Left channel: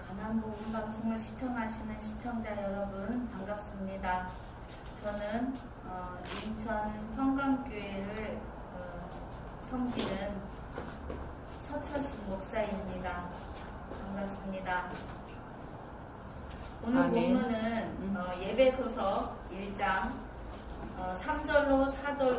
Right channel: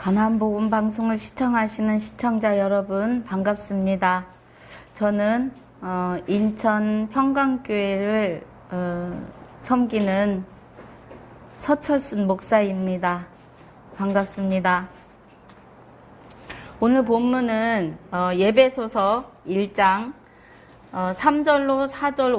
가난복음 방송을 시청하시는 시청자 여러분 반갑습니다. 저는 인천 평강교회를 섬기는 서철순 목사입니다. 반갑습니다. 오늘 본문은 예배소서 1장 3절로 4절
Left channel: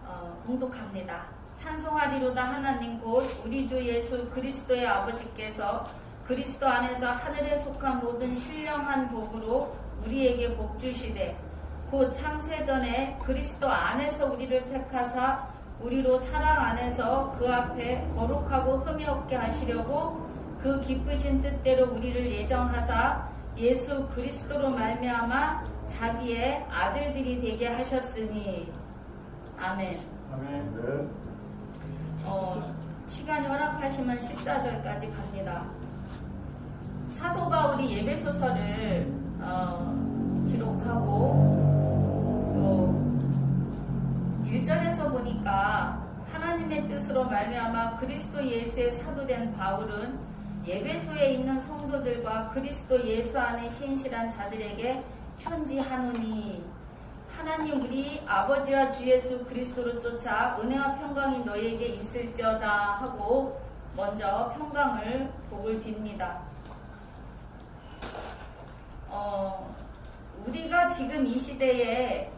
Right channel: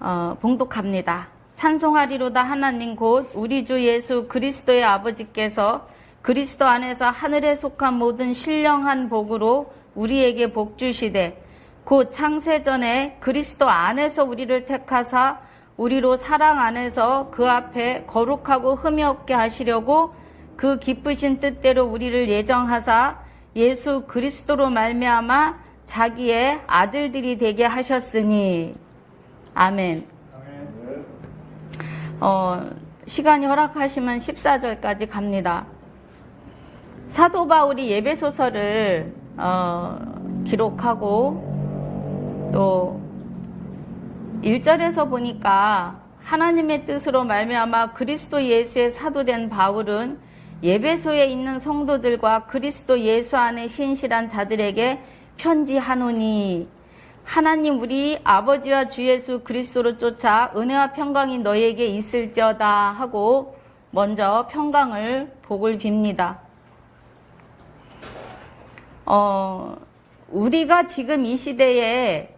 5절입니다. 봉독합니다. 찬송하리로다 하나님 곧 우리 주 예수 그리스도의 아버지께서 그리스도 안에서 하늘에 속한 모든 신령한 복으로 우리에게 복 주시되 곧 창세전에 그리스도 안에서 우리를 택하사 우리로 사랑 안에서 그 앞에 거룩하고 흠이 없게 하시려고 그 기쁘신 뜻대로 우리를 예정하사 예수 그리스도로 말미암아 자기의 아들들이 되게 하셨으니 아멘. 시간이 허락하시면 14절까지 갑니다. 사도 바울이 예배소서를 기록하고 또 1절에서 보니까 하나님의 뜻으로 말미암아 그리스도 예수의 사도된 바울은 예배소에 있는 성도들과 그리스도 예수 안에 신실한 자들에게 편지하노니 하나님 우리 아버지와 주 예수 그리스도로 쫓아 은혜와 평강이 너희에게 있을지어다 하고 먼저 평강을 복을 빕니다. 우리가 지금 이 시대에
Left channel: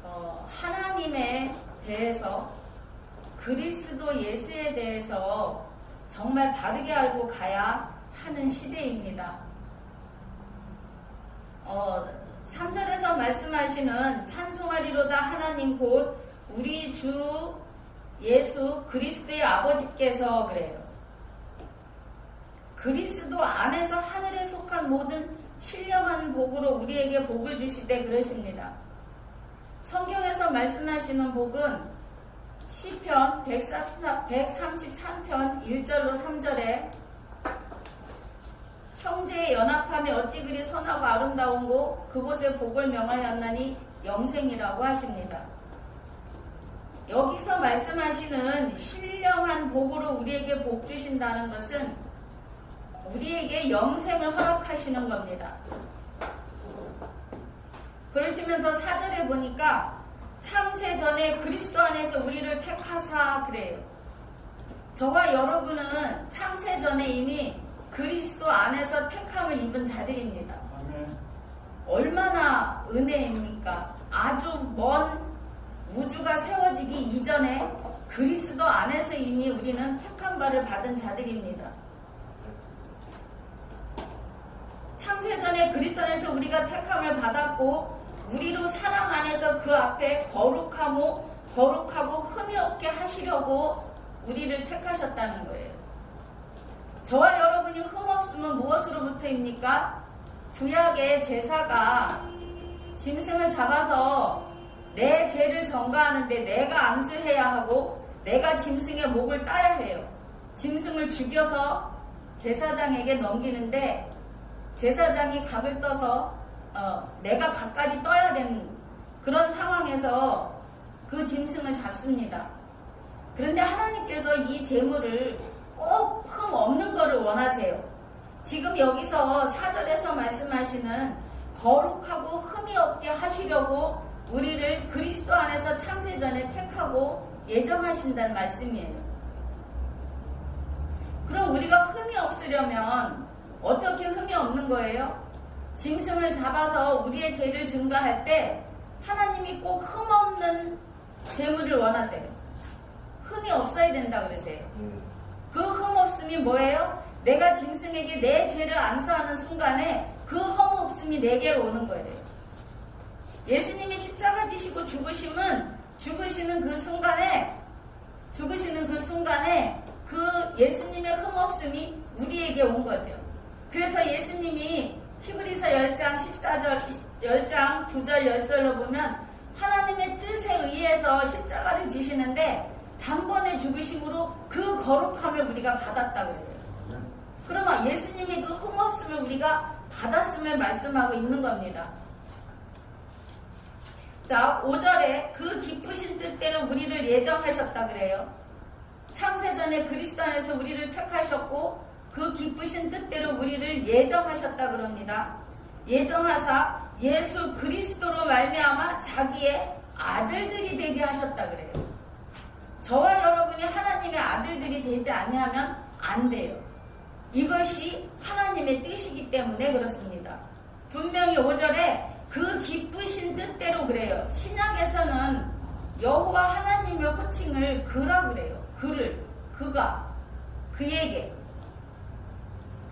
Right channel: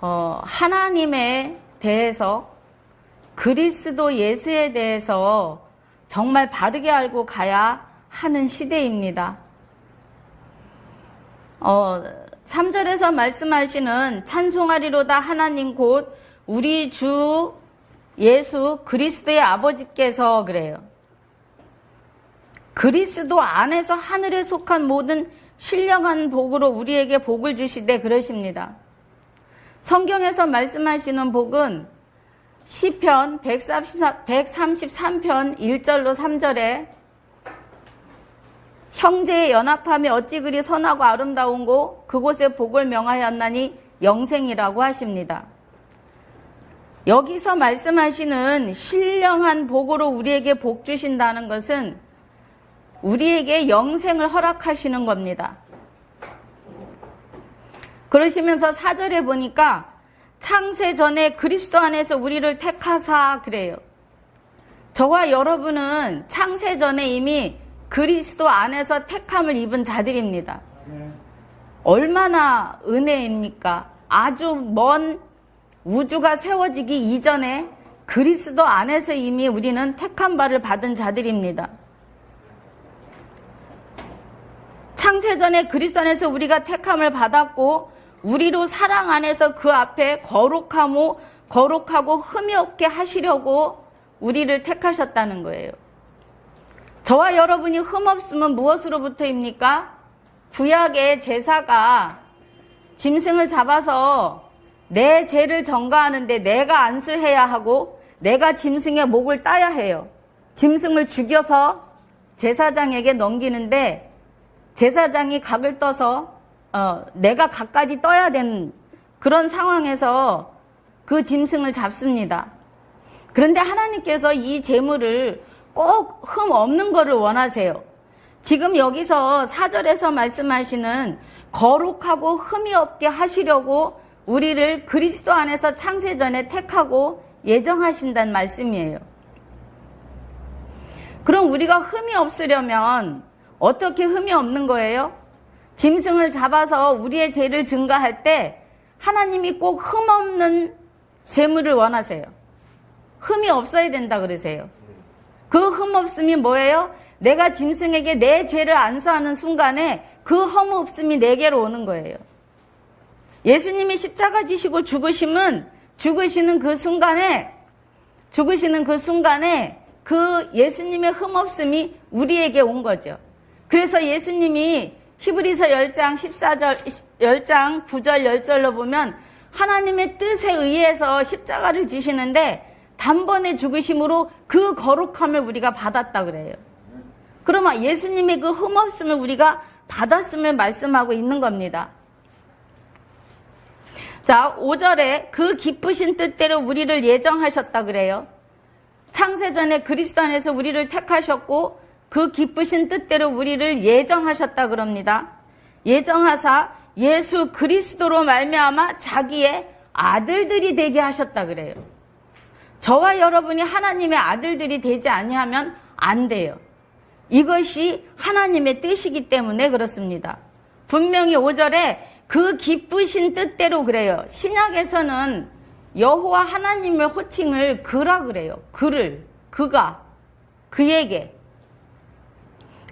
하나님에 대해서 그리스도 예수에 대해서 정말 바르게 알고 가야 하는 시대입니다. 3절에서 말씀하시는 찬송하리로다 하나님 곧 우리 주 예수 그리스도의 아버지께서 그래요. 그리스도 안에서 하늘에 속한 모든 신령한 복으로 우리에게 복을 주시되 그러십니다. 성경에서 말씀하시는 복은 시편 133편 1절로 3절에 형제의 연합함이 어찌 그리 선하고 아름다운고 그곳에 복을 명하였나니 영생이라고 하십니다. 여기서 말씀하시는 신령한 복으로 우리에게 복 주신다는 것은 우리에게 영생을 허락하시는 겁니다. 그러시면서 4절에 보니까 창세 전에 그리스도 안에서 우리를 택하사 그래요. 저와 여러분은 창세 전에 이미 그리스도 안에서 택함을 입은 자들입니다. 얼마나 은혜입니까? 아주 먼 우주가 세워지기 이전에 그리스도 안에서 이미 우리는 택한 바를 받은 자들입니다. 창세전에 그리스도 안에서 우리가 택함을 받았고 우리로 사랑 안에서 그 앞에 거룩하고 흠이 없게 하시려고 우리를 택하셨다는 거예요. 저와 여러분이 흠없으면 무엇으로부터입니까? 구약의 제사가 짐승을 잡아서 내 죄를 전가하는데 내가 안수해야 하고 내가 짐승의 목을 따야 해요. 짐승을 죽여서 제사장에게 넘기는데 제사장이 각을 떠서 내가 각까지 떠야 되는 그런 상황에서 그 짐승을 잡습니다. 그런데 하나님께서 이 제물을 꼭 흠 없는 거를 원하세요. 지금 여기서 4절에서 말씀하시는 거룩하고 흠이 없게 하시려고 우리를 그리스도 안에서 창세전에 택하고 예정하신다는 말씀이에요. 그럼 우리가 흠이 없으려면 어떻게 흠이 없는 거예요? 짐승을 잡아서 우리의 죄를 증거할 때 하나님이 꼭 흠 없는 제물을 원하세요. 흠이 없어야 된다 그러세요. 그 흠 없음이 뭐예요? 내가 짐승에게 내 죄를 안수하는 순간에 그 흠 없음이 내게로 오는 거예요. 예수님이 십자가 지시고 죽으시는 그 순간에 그 예수님의 흠 없음이 우리에게 온 거죠. 그래서 예수님이 히브리서 10장 10장 9절 10절로 보면 하나님의 뜻에 의해서 십자가를 지시는데 단번에 죽으심으로 그 거룩함을 우리가 받았다 그래요. 그러면 예수님의 그 흠없음을 우리가 받았음을 말씀하고 있는 겁니다. 자, 5절에 그 기쁘신 뜻대로 우리를 예정하셨다 그래요. 창세전에 그리스도 안에서 우리를 택하셨고 그 기쁘신 뜻대로 우리를 예정하셨다 그럽니다. 예정하사 예수 그리스도로 말미암아 자기의 아들들이 되게 하셨다 그래요. 저와 여러분이 하나님의 아들들이 되지 아니하면 안 돼요. 이것이 하나님의 뜻이기 때문에 그렇습니다. 분명히 5절에 그 기쁘신 뜻대로 그래요. 신약에서는 여호와 하나님의 호칭을 그라 그래요. 그가, 그에게.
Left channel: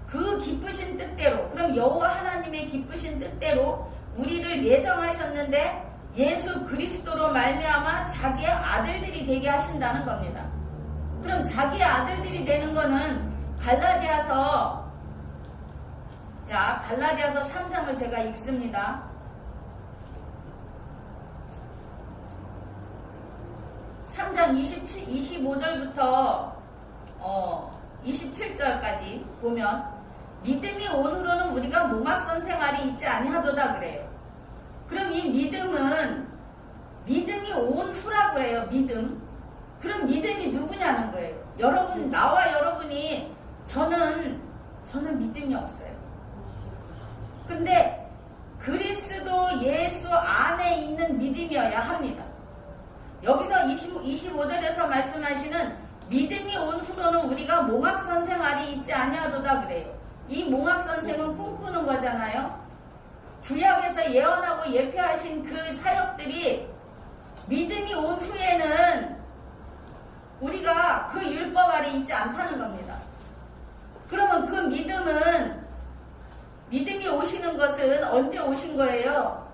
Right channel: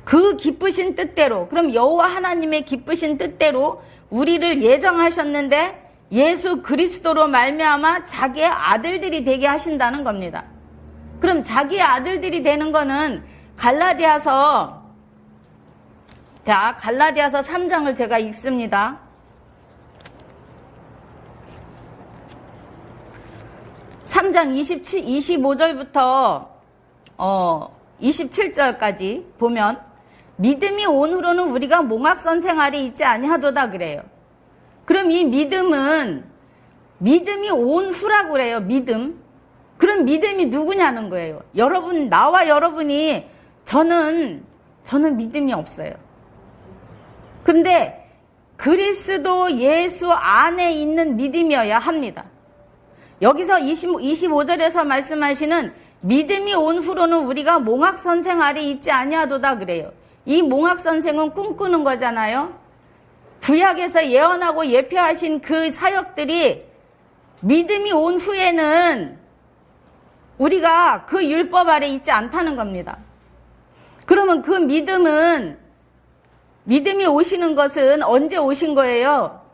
그 기쁘신 뜻대로, 그럼 여호와 하나님의 기쁘신 뜻대로 우리를 예정하셨는데 예수 그리스도로 말미암아 자기의 아들들이 되게 하신다는 겁니다. 그럼 자기의 아들들이 되는 거는 갈라디아서 3장을 제가 읽습니다. 3장 25절부터 27절까지 보면 믿음이 온 후로는 우리가 몽학선 생활이 있지 아니하도다 그래요. 그럼 이 믿음이 온 후라고 그래요. 믿음. 그럼 믿음이 누구냐는 거예요. 여러분, 나와 여러분이 저는 믿음이 없어요. 근데 그리스도 예수 안에 있는 믿음이어야 합니다. 여기서 25절에서 말씀하시는 믿음이 온 후로는 우리가 몽학선 생활이 있지 아니하도다 그래요. 이 몽학선생은 꿈꾸는 거잖아요. 구약에서 예언하고 예표하신 그 사역들이 믿음이 온 후에는 우리가 그 율법 아래 있지 않다는 겁니다. 그러면 그 믿음이 오시는 것은 언제 오신 거예요?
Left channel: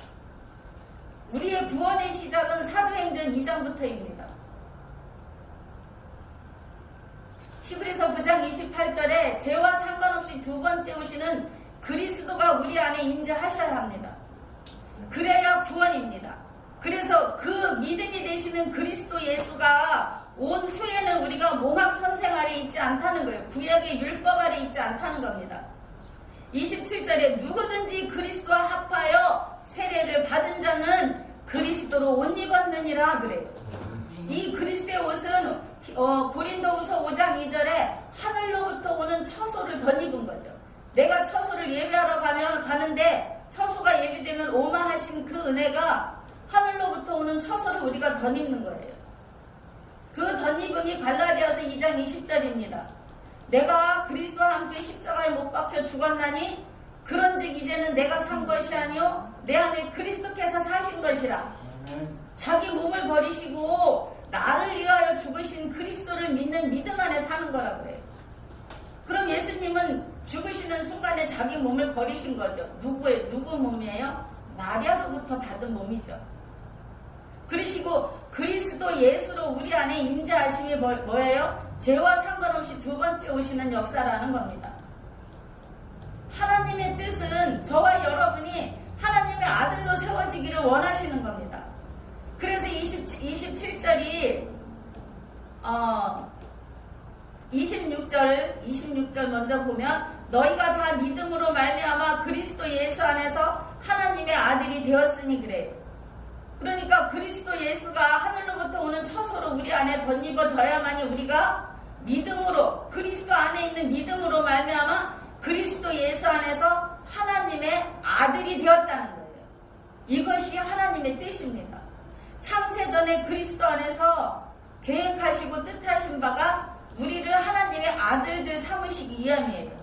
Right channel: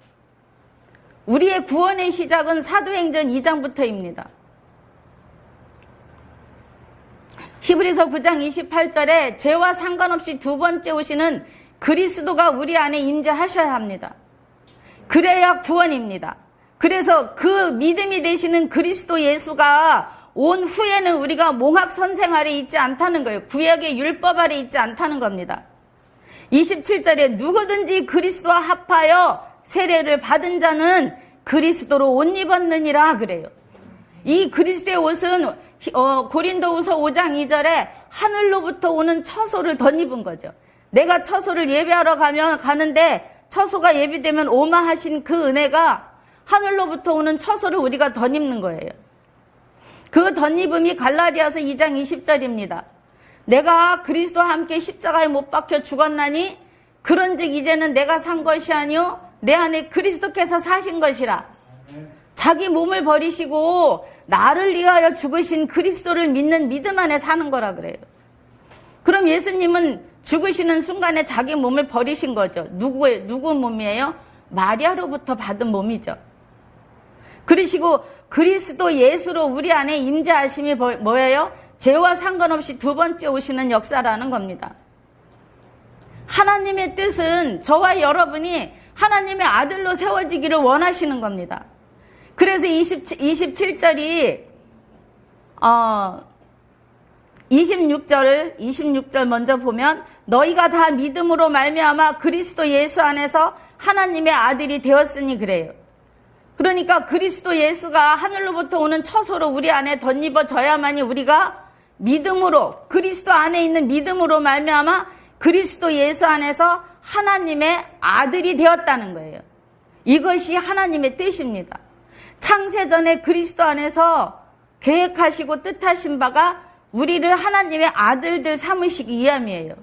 우리의 구원의 시작은 사도행전 2장부터입니다. 히브리서 9장 28절에 죄와 상관없이 두 번째 오시는 그리스도가 우리 안에 임재하셔야 합니다. 그래야 구원입니다. 그래서 그 믿음이 되시는 그리스도 예수가 온 후에는 우리가 몽학선 생활에 있지 않다는 거예요. 구약의 율법 아래 있지 않다는 겁니다. 27절에 누구든지 그리스도와 합하여 세례를 받은 자는 그리스도로 옷 입었느니라 그래요. 이 그리스도의 옷은 고린도후서 5장 2절에 하늘로부터 오는 처소를 덧입은 거죠. 내가 처소를 예배하러 가는데 처소가 예비되면 오마하신 그 은혜가 하늘로부터 오는 처소를 우리가 덧입는 거예요. 그 덧입음이 갈라디아서 2장 20절입니다. 내가 그리스도와 함께 십자가에 못 박혀 죽었나니 그런즉 이제는 내가 산 것이 아니요 내 안에 그리스도께서 사신 것이라. 자기 몸을 버리시고 나를 위하여 죽으신 그리스도를 믿는 믿음 안에 사는 거라 그래요. 그럼 예수님은 죽으시는 순간에 자기 몸을 버리신 거죠. 누구 몸이에요? 마리아로부터 받은 몸이죠. 그러시고 그리스도 예수로 우리 안에 임재하심이 뭐예요? 죄와 상관없이 두 번째 오시는 역사라는 겁니다. 하나님의 뜻은 저와 여러분이 하나님의 아들로 세워지기를 원하시는 겁니다. 그래서 27절이 26절 먼저 보면 너희가 다 믿음으로 말미암아 그리스도 예수 안에서 하나님의 아들이 되었으니 그래요. 그러니까 그리스도 예수가 하늘로부터 오는 처소로 우리 안에 덧입어져야만이 우리가 믿음으로 그리스도 안에 있는 믿음으로 말미암아 그리스도 예수 안에서 하나님의 아들이 되었다는 거예요. 이것이 하나님의 뜻입니다. 창세전에 그리스도 안에서 계획하시고 뜻하신 바가 우리를 하나님의 아들들 삼으시기 위함이에요.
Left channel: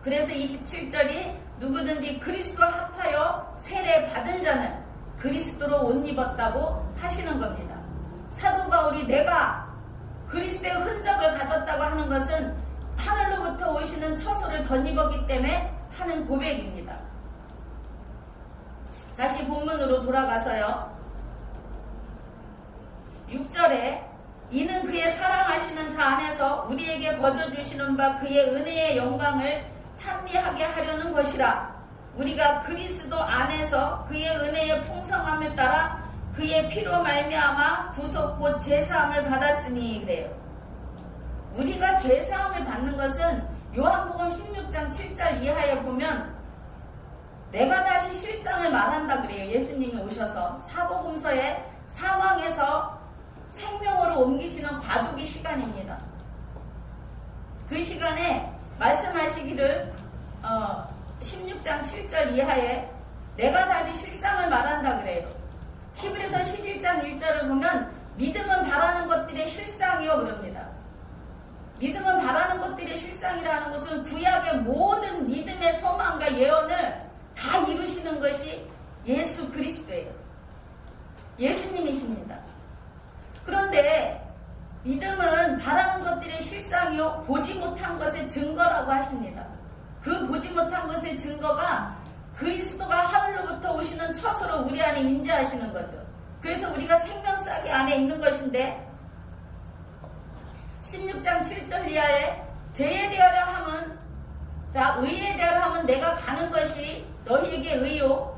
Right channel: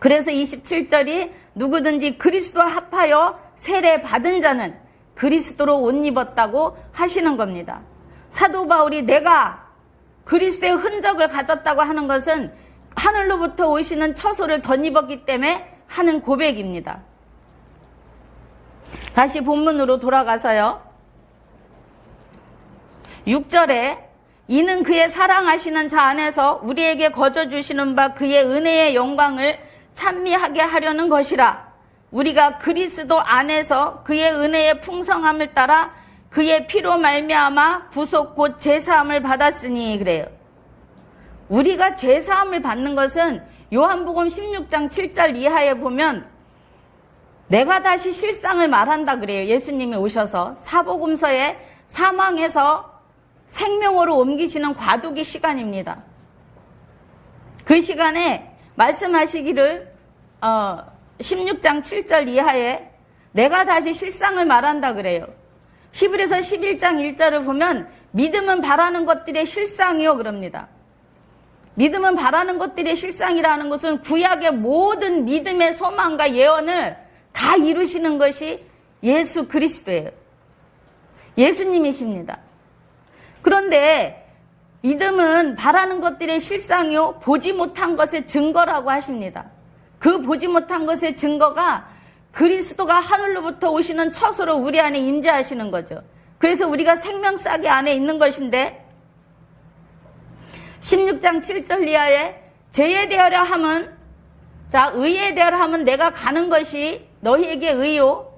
그래서 27절이 누구든지 그리스도와 합하여 세례 받은 자는 그리스도로 옷 입었다고 하시는 겁니다. 사도 바울이 내가 그리스도의 흔적을 가졌다고 하는 것은 하늘로부터 오시는 처소를 덧입었기 때문에 하는 고백입니다. 다시 본문으로 돌아가서요. 6절에 이는 그의 사랑하시는 자 안에서 우리에게 거저 주시는 바 그의 은혜의 영광을 찬미하게 하려는 것이라. 우리가 그리스도 안에서 그의 은혜의 풍성함을 따라 그의 피로 말미암아 구속 곧 죄사함을 받았으니 그래요. 우리가 죄사함을 받는 것은 요한복음 16장 7절 이하에 보면 내가 다시 실상을 말한다 그래요. 예수님이 오셔서 사복음서에 사망에서 생명으로 옮기시는 과도기 시간입니다. 그 시간에 말씀하시기를 16장 7절 이하에 내가 다시 실상을 말한다 그래요. 히브리서 11장 1절을 보면 믿음은 바라는 것들의 실상이요 그럽니다. 믿음은 바라는 것들의 실상이라는 것은 구약의 모든 믿음의 소망과 예언을 다 이루시는 것이 예수 그리스도예요. 예수님이십니다. 그런데 믿음은 바라는 것들의 실상이요 보지 못한 것의 증거라고 하십니다. 그 보지 못한 것의 증거가 그리스도가 하늘로부터 오시는 처소로 우리 안에 임재하시는 거죠. 그래서 우리가 생명싸개 안에 있는 것인데 16장 7절 이하에 죄에 대하려 함은 자 의에 대하려 함은 내가 가는 것이 너희에게 의요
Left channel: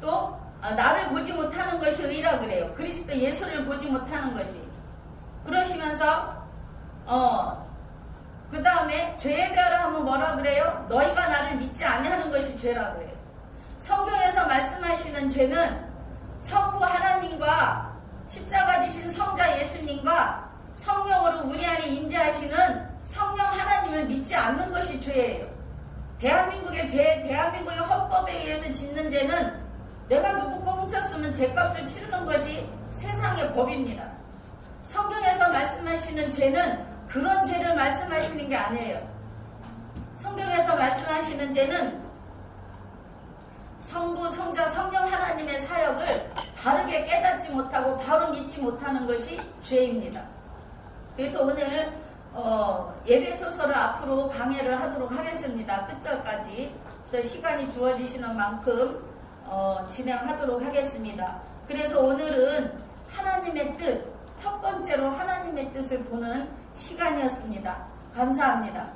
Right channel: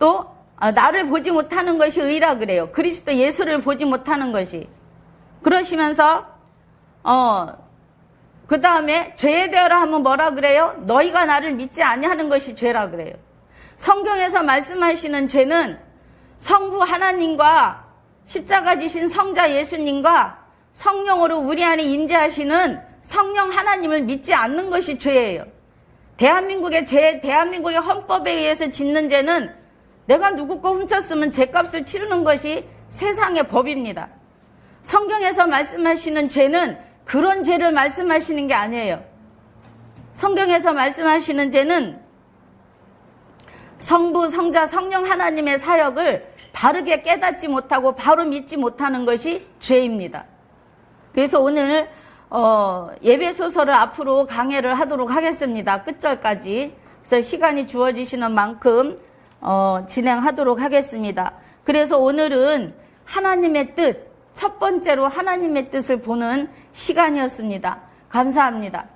또 나를 보지 못하는 것이 의라 그래요. 그리스도 예수를 보지 못하는 것이. 그러시면서 그 다음에 죄에 대하려 하면 뭐라 그래요? 너희가 나를 믿지 아니하는 것이 죄라 그래요. 성경에서 말씀하시는 죄는 성부 하나님과 십자가 지신 성자 예수님과 성령으로 우리 안에 임재하시는 성령 하나님을 믿지 않는 것이 죄예요. 대한민국의 죄, 대한민국의 헌법에 의해서 짓는 죄는 내가 누구 거 훔쳤으면 죄값을 치르는 것이 세상의 법입니다. 성경에서 말씀하시는 죄는 그런 죄를 말씀하시는 게 아니에요. 성경에서 말씀하시는 죄는 성부, 성자, 성령 하나님의 사역을 바르게 깨닫지 못하고 바로 믿지 못하는 것이 죄입니다. 그래서 오늘 예배소서를 앞으로 강해를 하도록 하겠습니다. 끝절까지. 그래서 시간이 주어지시는 만큼 진행하도록 하겠습니다. 그래서 오늘은 하나님의 뜻, 첫 번째로 하나님의 뜻을 보는 시간이었습니다. 감사합니다.